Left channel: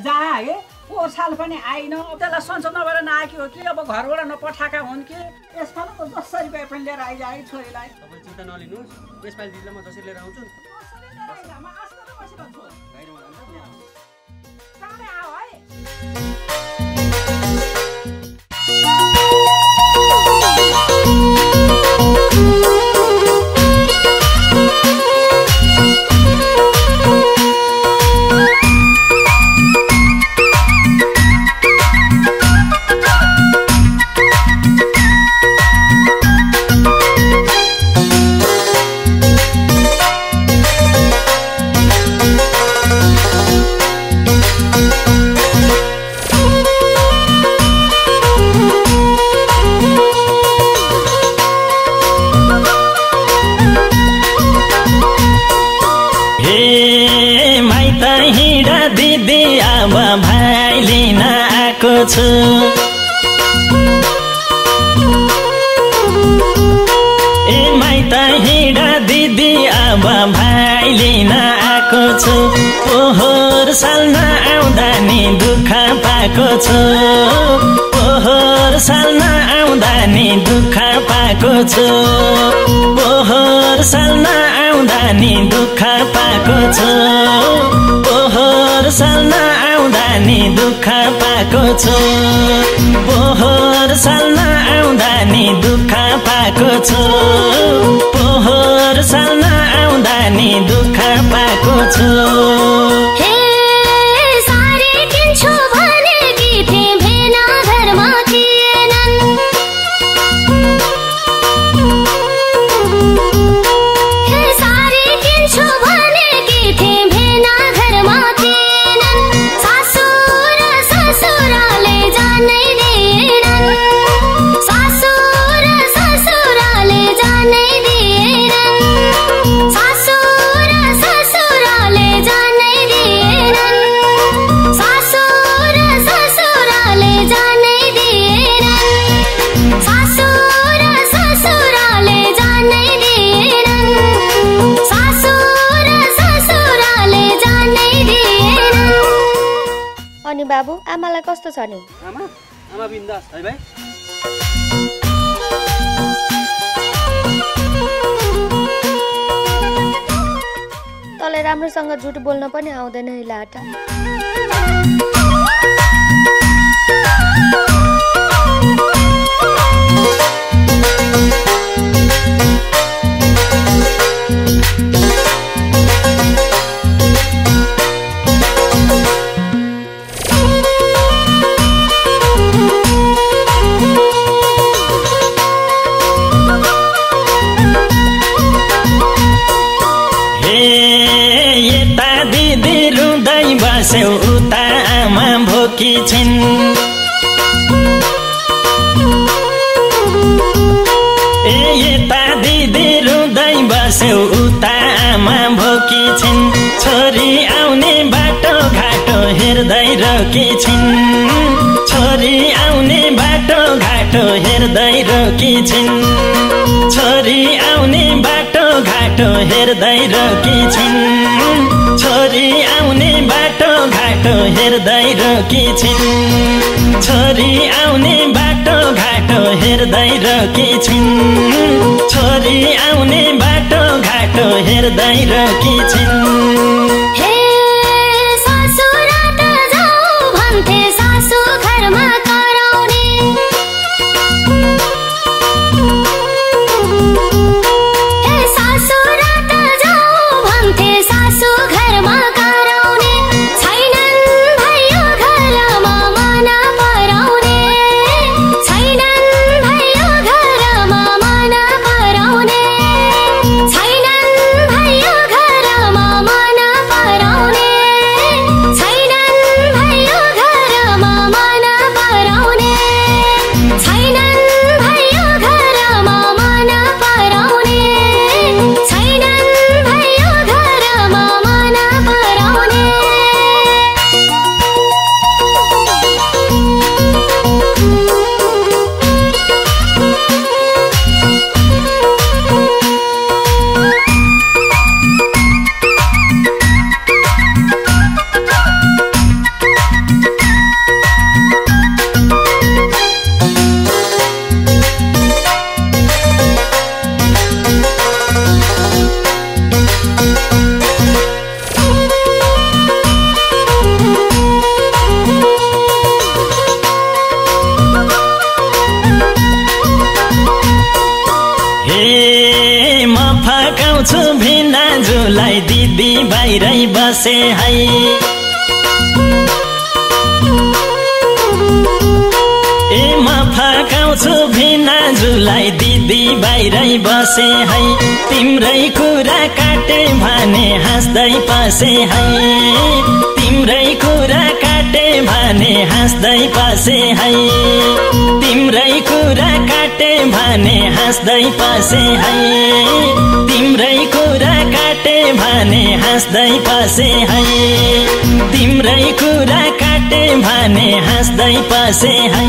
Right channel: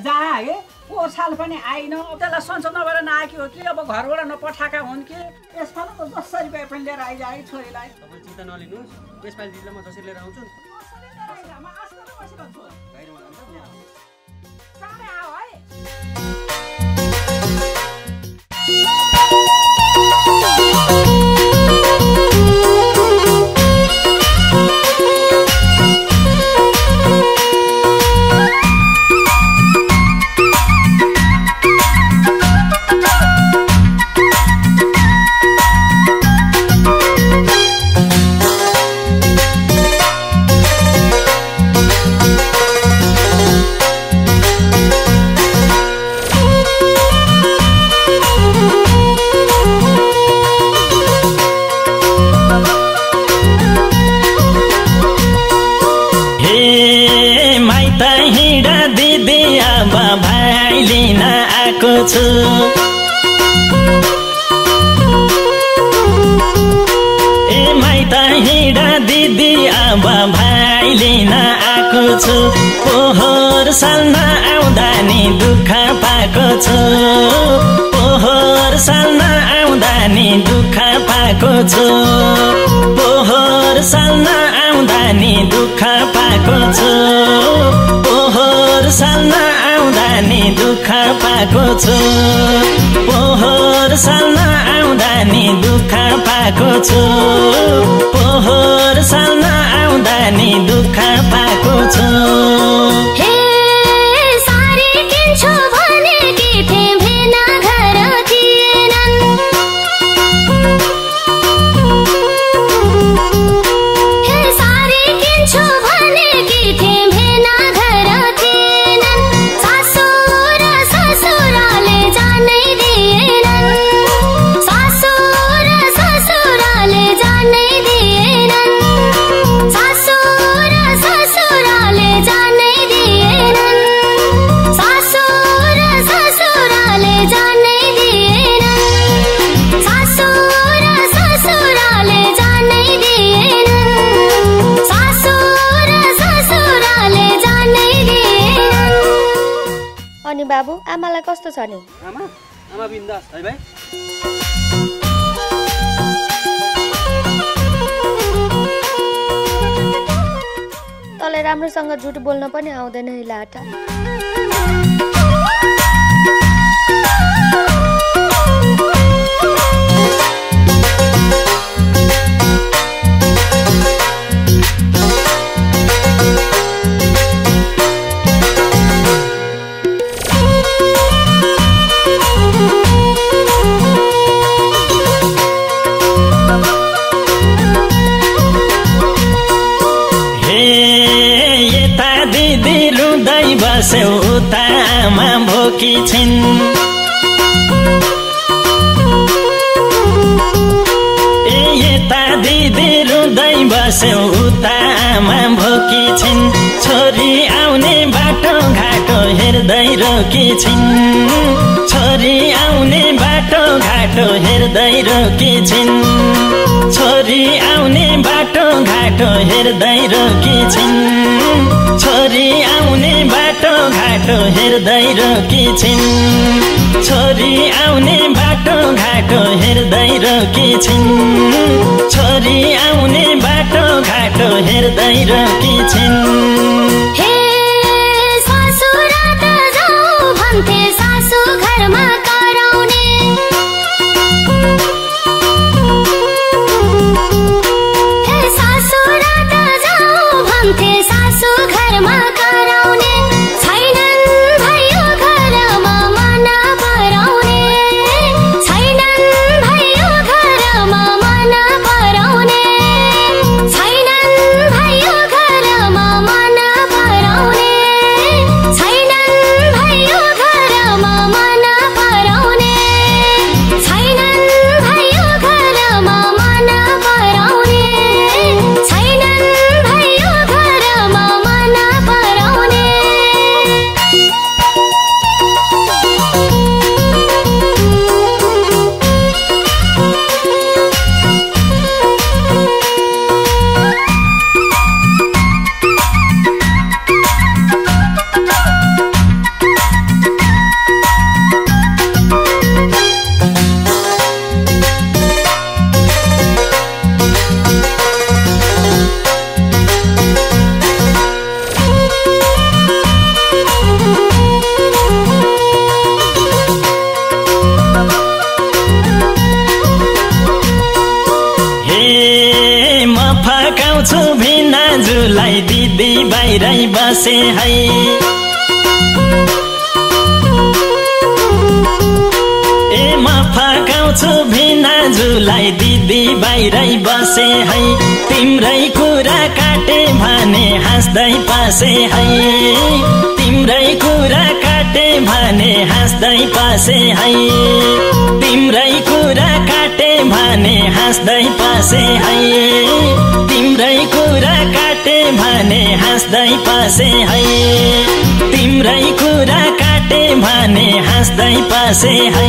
जा है पोहोर साल पनि आइन त्यसलाई सन्चो नभएर नआएकी हो कि अब घरबाट नपठाएका हुन् कि यसपालि त 10 रुपियाँ पनि लिएर आइजाए छोरीलाई तपाईँ चिन्ता नलिनुहोस् यसपालि दिदीलाई म जसरी लिएर आउँछु चाँडै आऊ है ए माइत हिँडा दिदी अब भाइ लिन आएको छु पोहोर साल नआउँदा नि दुःख पाएको छु पोहोर साल नआउँदा नि दुःख पाएको छु पोहोर साल नआउँदा नि दुःख पाएको छु पोहोर साल नआउँदा नि दुःख पाएको छु पोहोर साल नआउँदा नि दुःख पाएको छु पोहोर साल नआउँदा नि दुःख पाएको छु अनि बाबु आमालाई कस्तो छ नि आमा बिन्दास है भाइ तँलाई राम्रोसँग झुट बोल्न पनि आउँदैन है लाटा उता आमा भोकी छिन् ए यता दिदी रुँदै बस्यो उता आमा भोकी छिन् छोरी आउने बाटो घाटो हेर्दै रोकी छिन् छोरी आउने बाटो घाटो हेर्दै रोकी छिन् छोरी आउने बाटो घाटो हेर्दै रोकी छिन् छोरी आउने बाटो घाटो हेर्दै रोकी छिन् छोरी आउने बाटो घाटो हेर्दै रोकी छिन् छोरी आउने बाटो घाटो हेर्दै रोकी छिन् छैनन् भयो घरमा हे म फकाउँछु भिनाजुलाई दिदी बाहिरै बसे है ए म फकाउँछु भिनाजुलाई दिदी बाहिरै बसे है तिम्रै कुरा काटे भने हाँस्दै पासे है तिम्रै कुरा काटे भने हाँस्दै पासे है तिम्रै कुरा काटे भने हाँस्दै पासे है तिम्रै कुरा काटे भने हाँस्दै पासे है तिम्रै कुरा काटे भने हाँस्दै पासे है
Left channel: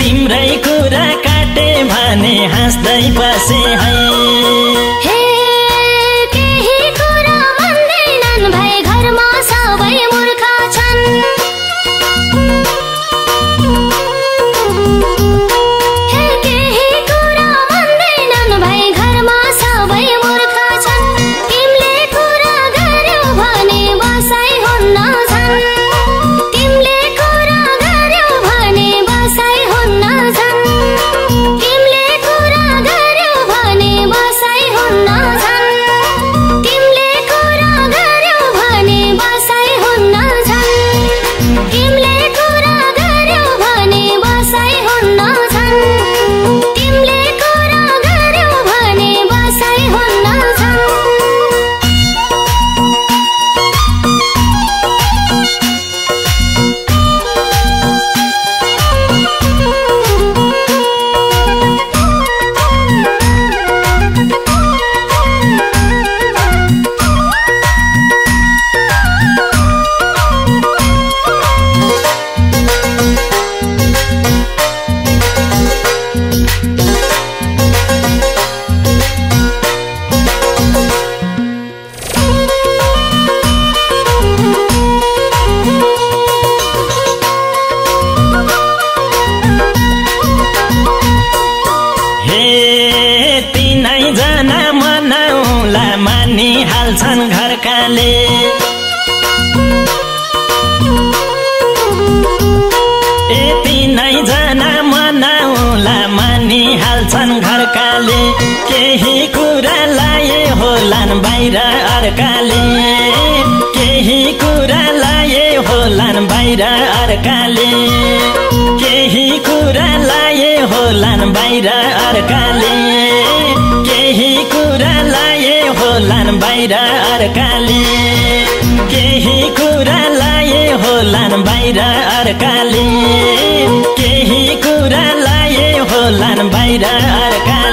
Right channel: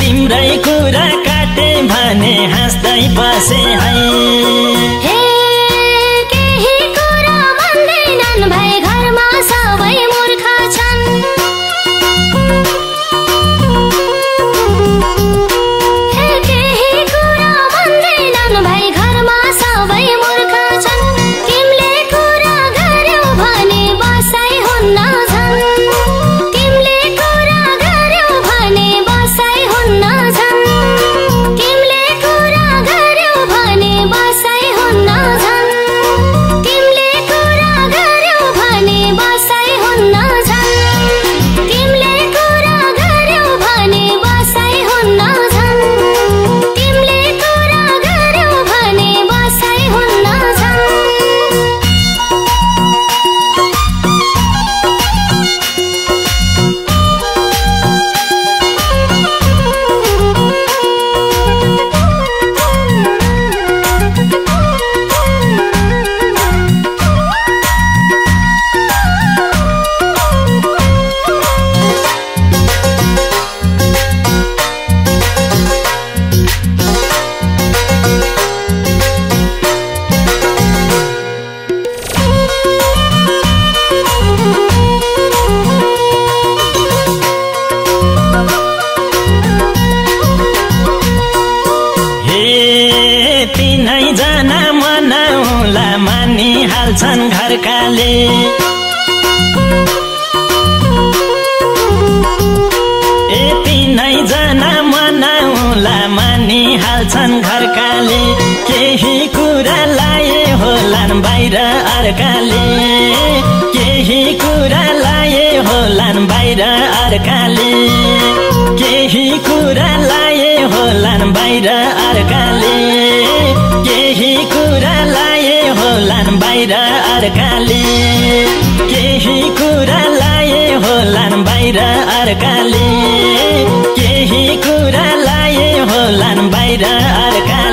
तिम्रै कुरा काटे भने हाँस्दै पासे है बाहिर अर्काले केही कुरा लाए होलान् बाहिर अर्काले केही कुरा लाए होलान् बाहिर अर्काले केही कुरा लाए होलान् बाहिर अर्काले केही कुरा लाए होलान् बाहिर अर्काले केही कुरा लाए होलान् बाहिर अर्काले